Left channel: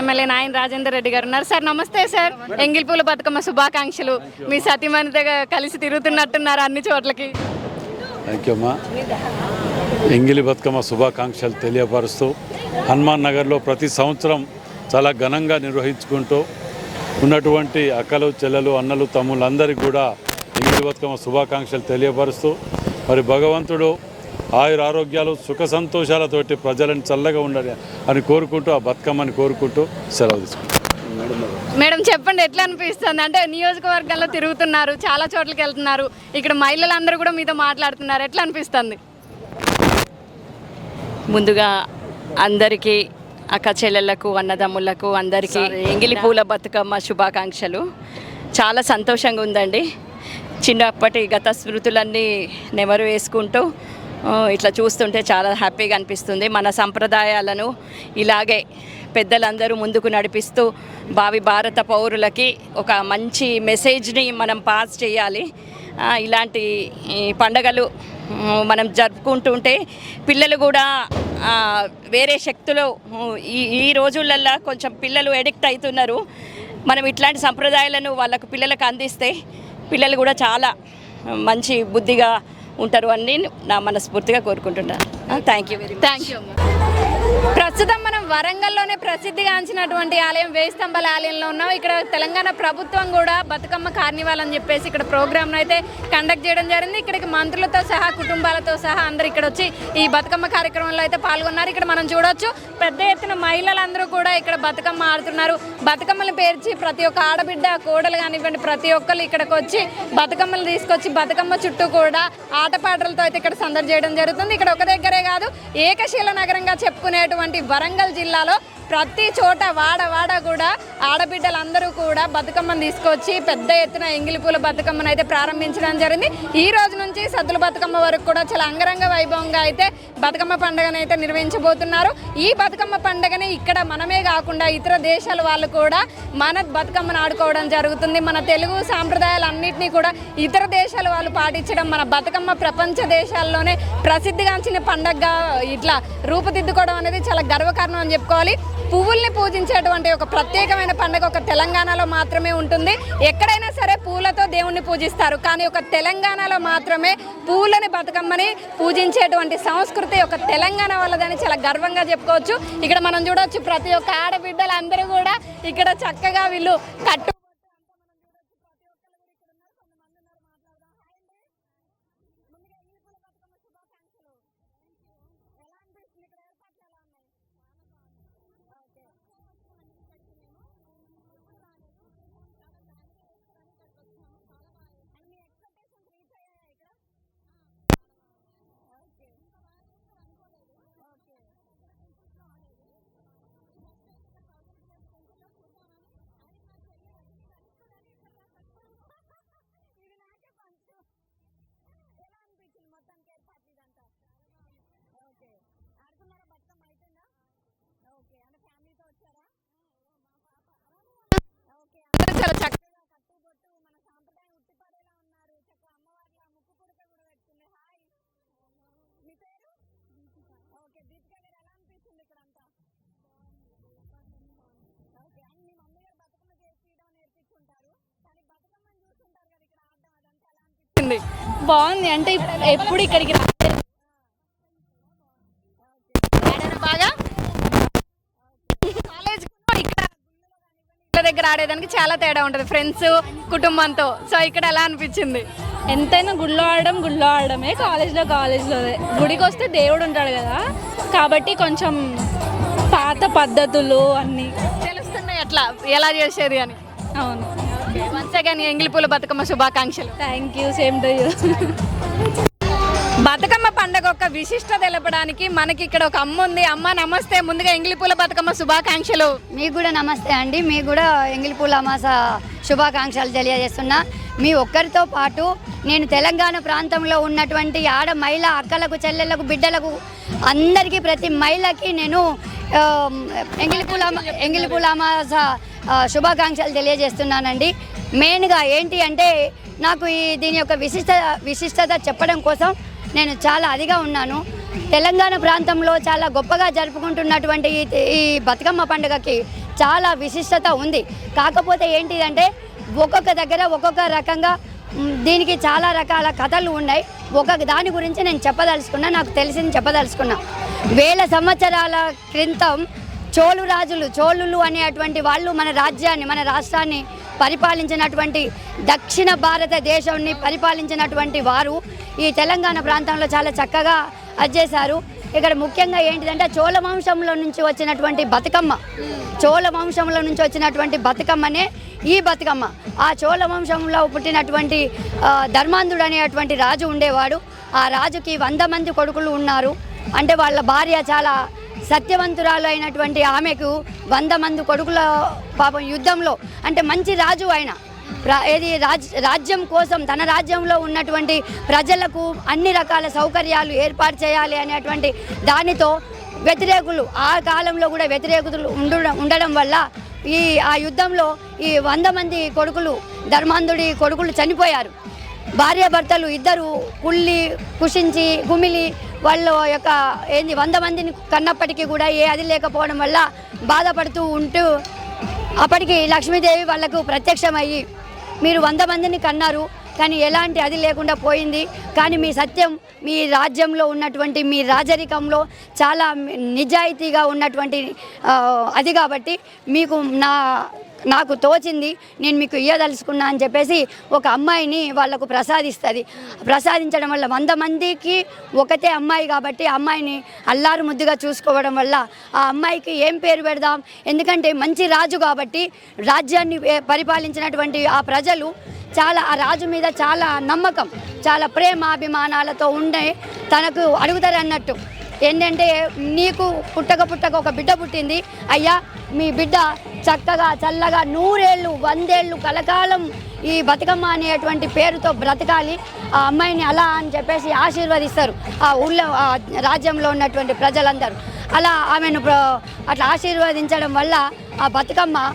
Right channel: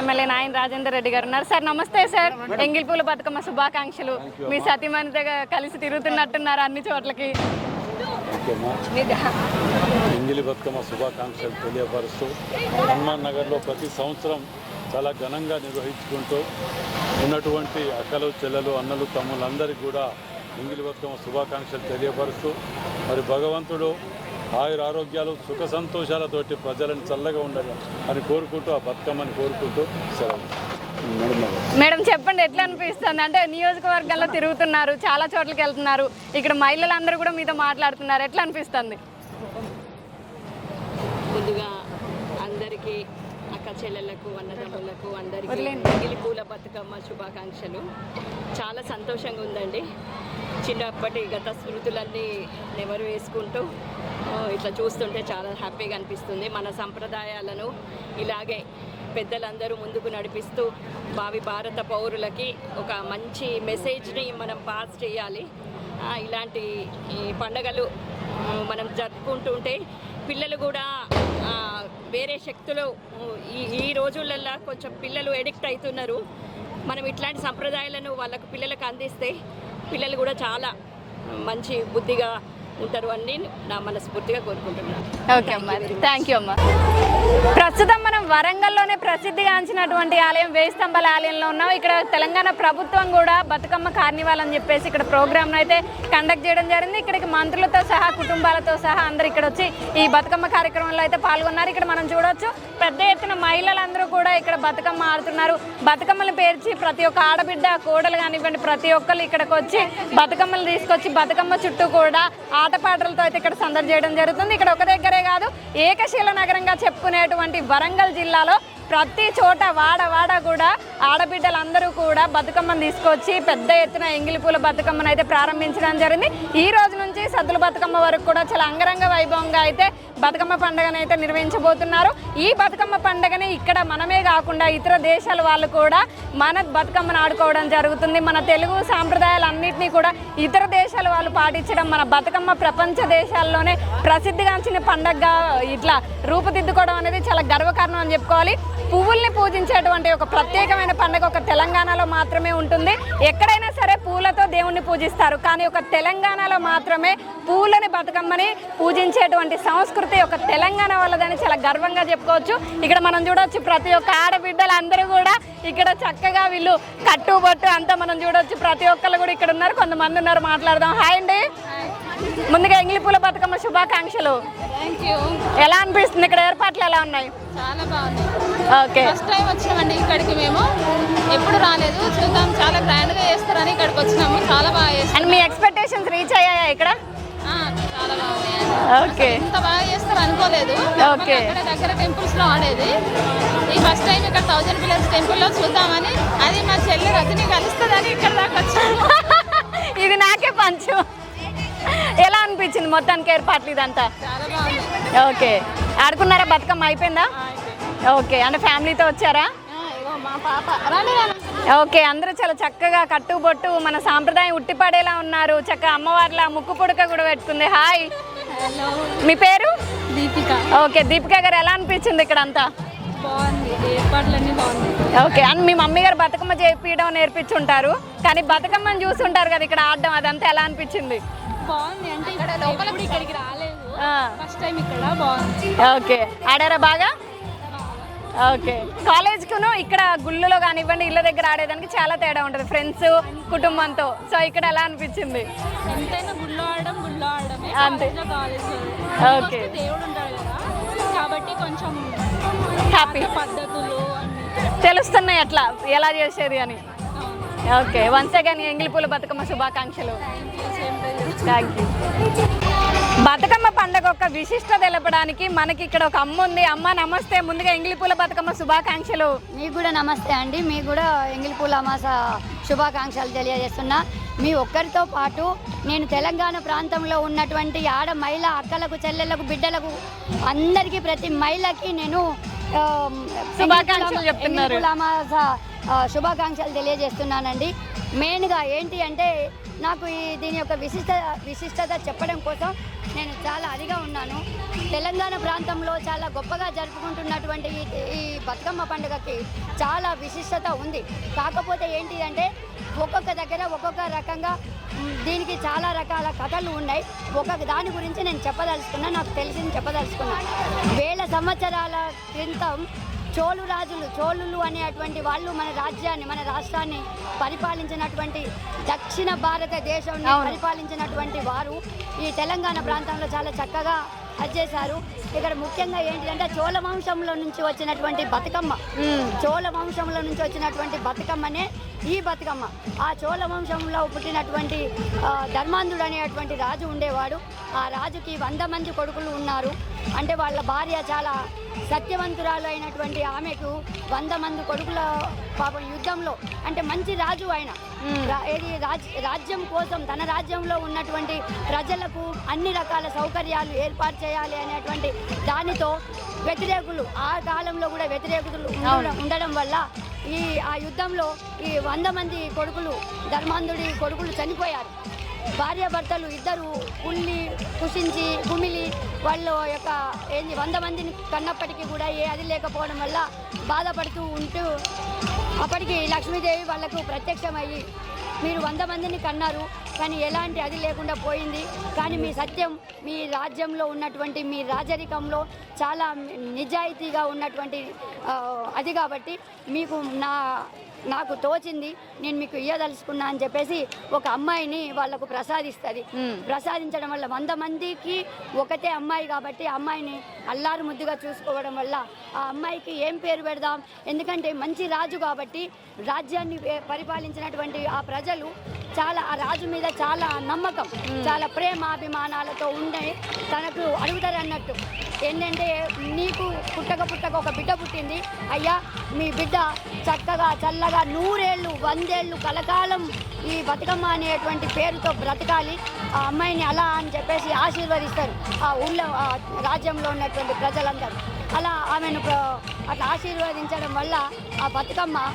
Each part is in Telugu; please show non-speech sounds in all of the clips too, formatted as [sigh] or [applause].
ఎమ్మెల్యే నాయన రాజేందర్ రెడ్డి గారు ఉన్నారు. సార్ నమస్తే సార్. ఎంగిల్పూల బతుకమ్మ శుభాకాంక్షలు. మీ సతీమణితో కలిసి తిరుగుతున్నట్టున్నారు అన్ని చోట్లకి. ఎంగిలి బతుకమ్మ శుభాకాంక్షలు తెలియపరుస్తూ హనుమాన్ నగర్లో ప్రతి సంవత్సరం చాలా ఘనంగా నిర్వహించుకుంటూ ఉన్నటువంటి అక్కలు చెల్లెలు అన్నలు తమ్ముళ్ళందరికీ కూడా ఎంగిలి బతుకమ్మ శుభాకాంక్షలు తెలియపరుస్తూ మరి భగవంతుడు ఆయుర ఆరోగ్యాలు సుఖ సంతోషాలతోటి ప్రజలను చల్లగా ఉండాలి అని కోరుకుంటూ ఆ బతుకమ్మని కోరుకుంటూ సెలవు మేడం చెప్పండి ఎట్లా అనిపిస్తుంది? అంటే నియోజకవర్గాల్లో తిరుగుతున్నారు చాలా చోట్లకి వెళ్తున్నారు. ఇక్కడ మహిళలందరూ కూడా మీతో మాట్లాడుతున్నారు. ఎట్లా అనిపిస్తుంది? ముందుగా అందరికీ అక్క చెల్లెళ్ళకు అన్నదమ్ములకు అందరికీ ఎంగిలి పూల బతుకమ్మ శుభాకాంక్షలు. చాలా సంతోషంగా ఉందండి. చిన్నప్పటి గత స్మృతులన్నీ నెమరు వేసుకుంటూ ఇట్లా చూస్తుంటే చాలా హ్యాపీగా అనిపిస్తుంది. మన సంప్రదాయాలను ఇలాగే పెద్దలందరూ ముందుకు నడిపిస్తూ భావి భారత పౌరులకి ఒక మంచి మెసేజ్ని మనం పాస్ చేయాలి. ఇలాంటి ఈ పండగలు మనం జరుపుకుంటుంటే పిల్లలు కూడా వేరే శక్తులు ఈ ఈ రోజులల్లో కొంచెం పిల్లలు ఎడిక్ట్ అవుతున్నారు మనం ఇట్లాంటి సంప్రదాయాలను వాళ్ళకు పిల్లలకు అందిస్తే పిల్లలు కూడా చాలా మంచి బుద్ధిగా ఉంటారు అని నా మనస్ఫూర్తిగా కోరుకుంటున్నాను థ్యాంక్ యూ థ్యాంక్ యూ అమ్మా. ప్రస్తుతం మనం వరంగల్లోనే ప్రసిద్ధిగాంచినటువంటి ఆలయం వేయి స్తంభాల ఆలయంలో ఉన్నాం. ఇక్కడ తెలంగాణ ప్రభుత్వం కూడా బతుకమ్మ కార్నివాల్ అని చెప్పేసి ఇక్కడ ప్రోగ్రామ్ అయితే కండక్ట్ చేయడం జరిగింది. ఇక్కడికి మంత్రులతో సహా కుటుంబాలతో సహా అందరు ఇక్కడ వచ్చి ఈ బతుకమ్మ కార్యక్రమంలో అయితే పాల్గొన్నారు. ఇక్కడ మనం చూడొచ్చు పెద్ద ఎత్తున మహిళలందరూ కూడా ఇక్కడ బతుకమ్మ ఆడుతున్నారు. బతుకమ్మలు పేర్చి ప్రతి ఒక్క ఆడబిడ్డ కోడలు కానివ్వండి ప్రతి ఒక్కరు ఇక్కడికి వచ్చి బతుకమ్మలు తీసుకొచ్చి బతుకమ్మ చుట్టూ కూడా ఆటపాటలతో అయితే ఇక్కడ సందడి చేయడం జరుగుతుంది. ఇక్కడ ఒక దగ్గరే కాదు ఏకశీల నగరంగా చెప్పుకునేటువంటి వరంగల్ జిల్లాలో ప్రతి చోట వాడ వాడ కూడా ఆడబిడ్డలందరూ కూడా బతుకమ్మను తీసుకొచ్చి పెద్ద ఎత్తున ఎంగిలిపూల బతుకమ్మను అయితే ప్రారంభించడం జరిగింది. ఈ రోజు నుంచి సద్దుల బతుకమ్మ వరకు కూడా చాలా అంగరంగ వైభవంగా అయితే బతుకమ్మ పండుగను అయితే నిర్వహించబోతున్నారు. ఈ బతుకమ్మ పండుగని ఇక్కడ మనమే కాకుండా ఇతర దేశాల వాళ్ళు కూడా మన బతుకమ్మను ఆడుకోవడం జరుగుతుంది. మన తెలుగు సాంప్రదాయాలన్నింటినీ కూడా ఇతర దేశాల వాళ్ళు పాటించడం మన బతుకమ్మ ప్రపంచ దేశాల్లోనే ప్రసిద్ధిగాంచిన పండగగా ఇట్లా రూపుదిద్దుకోవడం అనేది చాలా గర్వకారణం అని చెప్పుకోవాలి. పువ్వుల్ని పూజించేటువంటి ఒక ప్రత్యేకమైన పండుగ ఒక తెలంగాణలో మాత్రమే ఉంటుంది. ఎక్కడైనా సరే పూలతో దేవుణ్ణి పూజిస్తారు. కానీ ఒక తెలంగాణలో మాత్రమే పూలని బతుకమ్మని పూజించేటువంటి సంస్కృతి ఒక తెలంగాణ వాళ్ళదని చాలా గర్వంగా చెప్పుకోవచ్చు. ఇక్కడ మనం చూడవచ్చు ప్రతి ఒక్క ఆడబిడ్డలు అందరూ కూడా ఇక్కడ చక్కగా వీళ్ళు కట్టుబట్టు అంతా మనం చూడవచ్చు ప్రతి ఒక్కళ్ళు కూడా ఇక్కడ ఉన్నారు. కొంతమంది ఉన్నారు మాట్లాడదాం. హాయ్ అండి. ముందుగా ఎంగిలిపూల బతుకమ్మ శుభాకాంక్షలు. ఎలా అనిపిస్తుంది? ఇక్కడ ఏర్పాట్లు ఎలా ఉన్నాయి? చాలా బాగుంది ఓకే. ఫస్ట్ టైం వచ్చినామండి ఇక్కడికి మేము. ఎప్పుడు రాలేదు. చూద్దాం. చాలా గ్రాండ్గా చేస్తారని ఇక్కడికి వచ్చినాము. చాలా బాగా చేస్తారు. అండ్ మీ ఎక్స్పెక్టేషన్స్ రీచ్ అయ్యాయా ఇక్కడ? చాలా బాగుంది ఓకే. ఇంత బాగా చేస్తారు అనుకోలేదు. ఓకే. దగ్గర టెంపుల్స్లో ఆడేది. ఈ ఫస్ట్ టైం ఇక్కడ థౌజండ్ పిల్లర్స్ టెంపుల్లో చూద్దామని. అది మా చెల్లి రజని కలుస్తుందని ఇక్కడ దాకా వచ్చాము. [laughs] ఇది నాకే పంచు. ఎలా అనిపించింది మొత్తానికి ఏర్పాట్లు ఇదంతా? ఓకే. ఆడుకున్నారా? బతుకమ్మ అయిపోయిందా? ఓకే. అంటే ఫ్యామిలీతో వచ్చారా? ఓకే. అందరూ చాలా చక్కగా కట్టుబొట్టు మన సాంప్రదాయం ఉట్టిపడేలా ఉన్నారు. చక్కగా అమ్మవారిలా ముక్కు పుడక కూడా పెట్టుకుంది. హాయ్. మీ పేరు? దీపిక. ఓకే. దీపిక గారు ఎలా అనిపించింది ఇక్కడ అంతా ఓకే అండ్ మీ మమ్మీ గారు బతుకమ్మ చేపించడం నేర్పించుంటారు. కానీ బతుకమ్మని చూస్తుంటారు కదా ఇక్కడ ఆడడం అదంతా ఎలా అనిపించింది? బాగుంది. అంటే ఎప్పుడు ఇక్కడికి రాలేదు. ఆ, ఫస్ట్ టైం ఇక్కడ బాగుంది. ఓకే ఆడారా బాగా? ఓకే. కాలేజ్కును ఇక్కడ గుళ్ళలో కానివ్వండి ఇళ్ళ దగ్గర ఆడేదానికి చాలా తేడా ఉంటుంది ఫ్రెండ్స్ కుటుంబంతో. సో ఇక్కడ ఎలా అనిపించింది? ఎంతైనా గుళ్ళో ఆడడం గుళ్ళో ఆడడమే. కాలేజ్లో కాలేజ్లో గుడికి వస్తే దేవుడు ఉంటాడు కదా. కాబట్టి కొంచెం పాత పద్ధతులు అన్నీ. తెలుస్తున్నాయి అట్లా. ఎలా చేసేది అని. అవును. Okay. Once again Engilipula Bathukamma శుభాకాంక్షలు. Thank you same to you Bathukamma పండుగ ఒక విశిష్ట తెలపడానికి మనకి ఇక్కడ ఒక అమ్మ ఉంది. అమ్మ నమస్తే. ముందుగా ఎంగిలిపూల బతుకమ్మ శుభాకాంక్షలు. మీకు కూడా నమస్తే అండి. మీకు కూడా ఎంగిలిపూల అమాస శుభాకాంక్షలు తెలియజేస్తున్నా. మీ ఒక్కరితో పాటు నేను తెలంగాణ ప్రాంతంలో ఉన్నటువంటి ఆడ మహిళ అక్కలకు చెల్లెళ్ళకు బిడ్డలకు అందరికీ ప్రతి మహిళకి నేను అమాస ఆ, శుభాకాంక్షలు తెలియజేస్తున్నానండి. మెయిన్గా ఏంటి అంటే నాకు ఈ దీని యొక్క విశిష్ట విశిష్టత చెప్పడం కోసం నేను చాలా అదిగా ఉన్నాను. తెలంగాణ ప్రాంతంలో చాలా గొప్పగా జరుపుకుంటున్నటువంటి ఈ బతుకమ్మ పండుగకి చాలా విశిష్టత ఉంది. కాకపోతే ఏంటిదంటే ఒక్కొక్క దగ్గర ఒక్కొక్క రకంగా దీనికి చాలా రకాల కథలు ఉన్నాయి. ఒక్కొక్క దాని గురించి నేను చెప్పదలుచుకున్నా నాకు తెలిసింది చెప్పదలుచుకున్నా. వేల సంవత్సరాల క్రితం చోళు రాజులు చోళులు అనేటువంటి వాళ్ళు మన రాజ్యాన్ని మన రాష్ట్రాన్ని పరిపాలించినటువంటి దక్షిణ భారతదేశాన్ని పరిపాలించినటువంటి వారు ఈ తెలంగాణ ప్రాంతంలో చాలా చక్కగా అజ్జేశారు ఇక్కడ ముఖ్యంగా ఏంటిదంటే చోళ వంశంలో నుంచి వచ్చినటువంటి బతుకమ్మ. చోళ వంశంలో నుంచి వచ్చినటువంటి బతుకమ్మనే ఈ బతుకమ్మ. ఆ చోళ వంశంలో పుట్టినటువంటి ధర్మాంధుడు అనేటువంటి రాజు ఉండేవాడు. ఆ రాజుకి వంద మంది కొడుకులు ఉన్నారు. అంటే వాళ్ళ భార్య చాలా సత్యవంతురాలు అయినటువంటి ఆమెకు వంద మంది కొడుకుల పాపం యుద్ధంలో అంటే మంచి రాజు ఆయన. ఏది రాజ్ రాజ్యం కోసం తన రాజ్యంలో ఉన్నటువంటి ప్రజలకు అన్ని రకాల సౌకర్యాలు ఏర్పాటు చేయాలి అనేటువంటి దానితో వ్యతిరేకులు ఆ కాలంలో కూడా వ్యతిరేకులు ఉండడం ఉండడం వల్ల ఈ ఆ యుద్ధంలో ఈ వంద మంది కొడుకులు ధర్మాంధుడి కొడుకులు చనిపోయారు. భార్యాభర్తలు ఇద్దరు కుళ్ళి కుషించి కుమిలి వాళ్ళ యొక్క ఏంది వంద మందిని కన్నప్పటికీ కూడా ఏ అది లేకపోవడం వల్ల బాధపడుతూ ఉంటూ అప్పటికి లక్ష్మీదేవి వాళ్ళకు ప్రత్యక్షమయ్యి మీరు వంద మందిని కన్నారు కానీ ఎలాంటి అది లేకుండా పోయింది. కానీ మీ సత్యం మీ రాజ్యంలో ఉన్నటువంటి మీ రాజరికంలో చాలా నిజాయితీగా ఉన్నటువంటి అది కాబట్టి మీకు నా నాకు తోచింది నేను మీకు ఇయ్యదలుచుకున్నా అని చెప్పేసి ఒక అమ్మాయిని వాళ్ళకు ప్రసాదిస్తుంది. ప్రసాదించడం వల్ల వంద మందికి ఒకటే అమ్మాయి కాబట్టి అమ్మాయిని అల్లారు ముద్దుగా చూసుకోవడం వల్ల ఆ అమ్మాయికి ఏం పేరు పెడదాం? ఎందుకంటే మంచి రాజు కాబట్టి రాజ్యాన్ని పరిపాలించినటువంటి ఆ ప్రజలు చాలా ఆ రాజు మీద చాలా నమ్మకం చాలా ప్రేమ అభిమానాలతో ఉండే తనకు అడుగుతారు అన్నట్టు ఏంటంటే నీకు పుట్టక పుట్టక ఒక బిడ్డ పుట్టింది. అయ్యా మీ బిడ్డ చక్కగా చల్లగా నూరేళ్ళు వందేళ్ళు కలకాలం ఈ బతుకమ్మ అనేటువంటి పేరుతో బ్రతకాలి. ఆ అమ్మాయిని అలా అని చెప్పేసి ఆశీర్వదిస్తారు. ఆ ఊళ్ళో ఆ రాజ్యంలో ఉన్నటువంటి ప్రజలందరూ. అలా ఆమెను ప్ర- అట్లా ఆశీర్వదించడం వల్ల ఆ బతుకమ్మ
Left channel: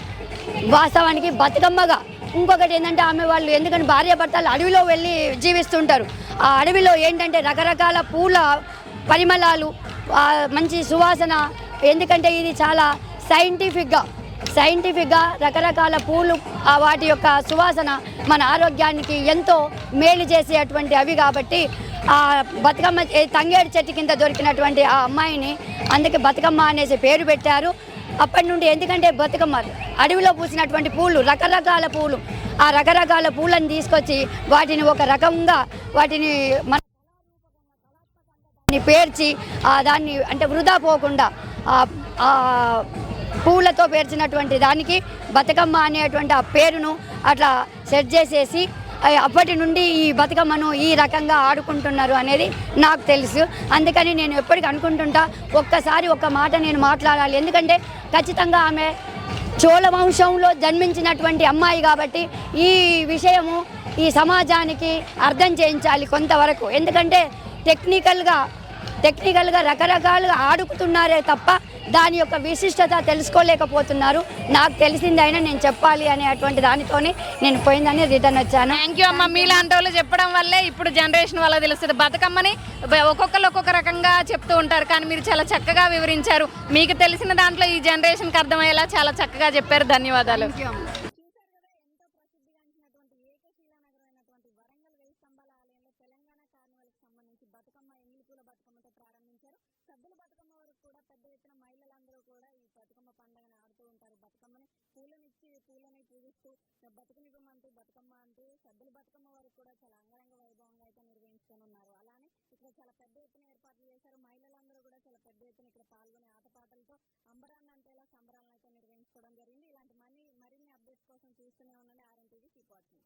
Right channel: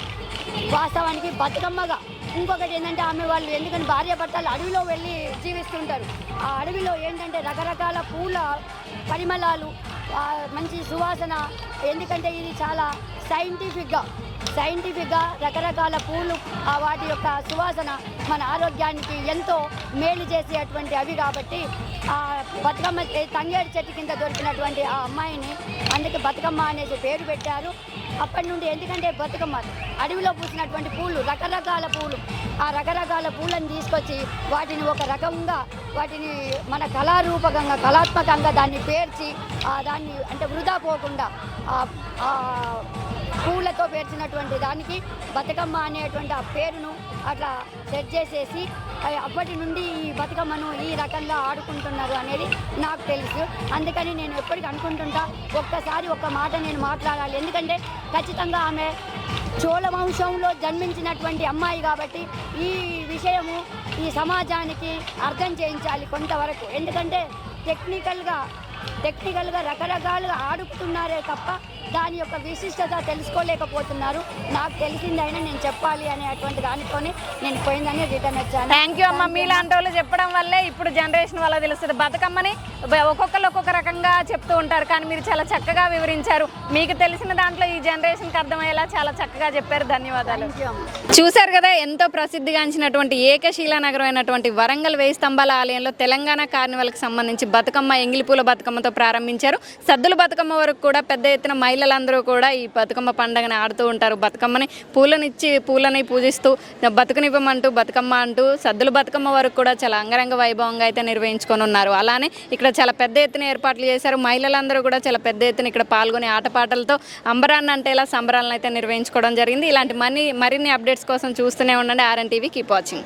వాస్తవానికి బతుకమ్మగా. ఇంకొకటి ఏంటంటే ఆమె వాళ్ళు ఎందుకంటే భార్య భర్తలు అడవిలో వెళ్ళి జీవిస్తుంటారు. ఆ అడవిలో ఏంటంటే రకరకాల పూల పరిమళాలు మంచి సువాసన ఎందుకంటే ఇది చాలా సైంటిఫిక్గా సైంటిఫిక్గా రకరకాల పూలు ఆ వాటి యొక్క సువాసన మన ఆరోగ్యానికి ఎంతో మేలు చేసేటువంటి అవి కాబట్టి ఆ బతుకమ్మ తంగేడు చెట్టు కింద దొరికినటువంటి ఆ అమ్మాయిని అందుకే బతుకమ్మ అనేసి పేరు పెట్టారు. అప్పటి నుండి ఎందుకంటే బతుకమ్మ అడవిలో పూసినటువంటి పూలు రకరకాల పూలు ఆ రకరకాల పూలను తీసుకొచ్చి వాటిని ఒక రకంగా వాటిని మన కళారూపకంగా కళాత్మకంగా దాన్ని పేర్చి దాన్ని అంటే వృధా పోకుండా పూలతో పేర్చినటువంటి దానికి బతుకమ్మ అనేటువంటి ఆ పేరును అట్లా సెట్ చేసేసి అప్పటి నుండి ఈ బతుకమ్మను ఈ రకంగా ఆడుకుంటున్నారు అనేది నాకు తెలుసు. అందుకని నేను ఎప్పటికీ అనుకుంటుంటా ఒక్కసారి ఒక్క మాట నేను మాట్లాడాలి. ఎందుకంటే ఖచ్చితంగా ఆమె చోళ వంశంలో జన్మించినటువంటి అమ్మాయి కాబట్టి ఈ విషయము ఈ సమాజానికి అర్థం చేయించాలి కొంతవరకు. ఎందుకంటే టెక్నికల్గా టెక్నికల్గా రకరకాలుగా ఆడుకుతున్నారే తప్ప దాని యొక్క విశిష్టత తెలుసుకోలేకపోతున్నారు. నాకు తెలిసింది అయినా నేను చెప్పాలి అనేటువంటి దానితోనే నేను పోయిందని రిటర్న్ వచ్చాను. థ్యాంక్ యూ అమ్మ. మీలాంటి వాళ్ళు చెప్పడం వల్లే ఇప్పుడు జనరేషన్ వల్ల తెలుస్తుంది. బతుకమ్మని ఒక్కొక్కరు ఒక్కొక్క రకంగా చెప్తూ ఉంటారు. కానీ మీరు చాలా చక్కగా వివరించారు. మీకు తెలిసిన దాంట్లో ఈ జనరేషన్కి అర్థమయ్యేలా చాలా చక్కగా చెప్పారు. ధన్యవాదాలు. చూశారు కదా ఎంతో ప్రసిద్ధిగాంచినటువంటి ఏకశీలా నగరం అయినటువంటి వరంగల్ వేయి స్తంభాల ఆలయంలో తెలంగాణ కార్నివల్కి సంబంధించి బతుకమ్మ ఎంగిలిపూల బతుకమ్మతో ప్రారంభించారు. సద్దుల బతుకమ్మ వరకు కూడా పెద్ద ఎత్తున మహిళలందరూ కూడా ఈ బతుకమ్మ పండుగని ఆడుతూ ఉంటారు. బతుకమ్మని పూలనిచ్చి పూలని పూజిస్తూ బతుకునివ్వమంటూ బతుకమ్మ అంటూ సద్దుల బతుకమ్మ వరకు కూడా చాలా అంగరంగ వైభవంగా అయితే నిర్వహించుకొని ఉన్నారు. అలానే ఇక్కడ చాలా పెద్ద ఎత్తున ఏర్పాట్లు చేశారు. మహిళలందరూ కూడా చాలా పెద్ద ఎత్తున ఇక్కడ పాల్గొని ఆటపాటలతో అంబరాన్ని అంటే ఇలా సంబరాలను అయితే నిర్వహించుకోవడం జరిగింది. ఇలాంటి మనీ మరిన్ని అప్డేట్స్ అప్డేట్స్ కోసం చూస్తూనే ఉండండి. RN TV keep watching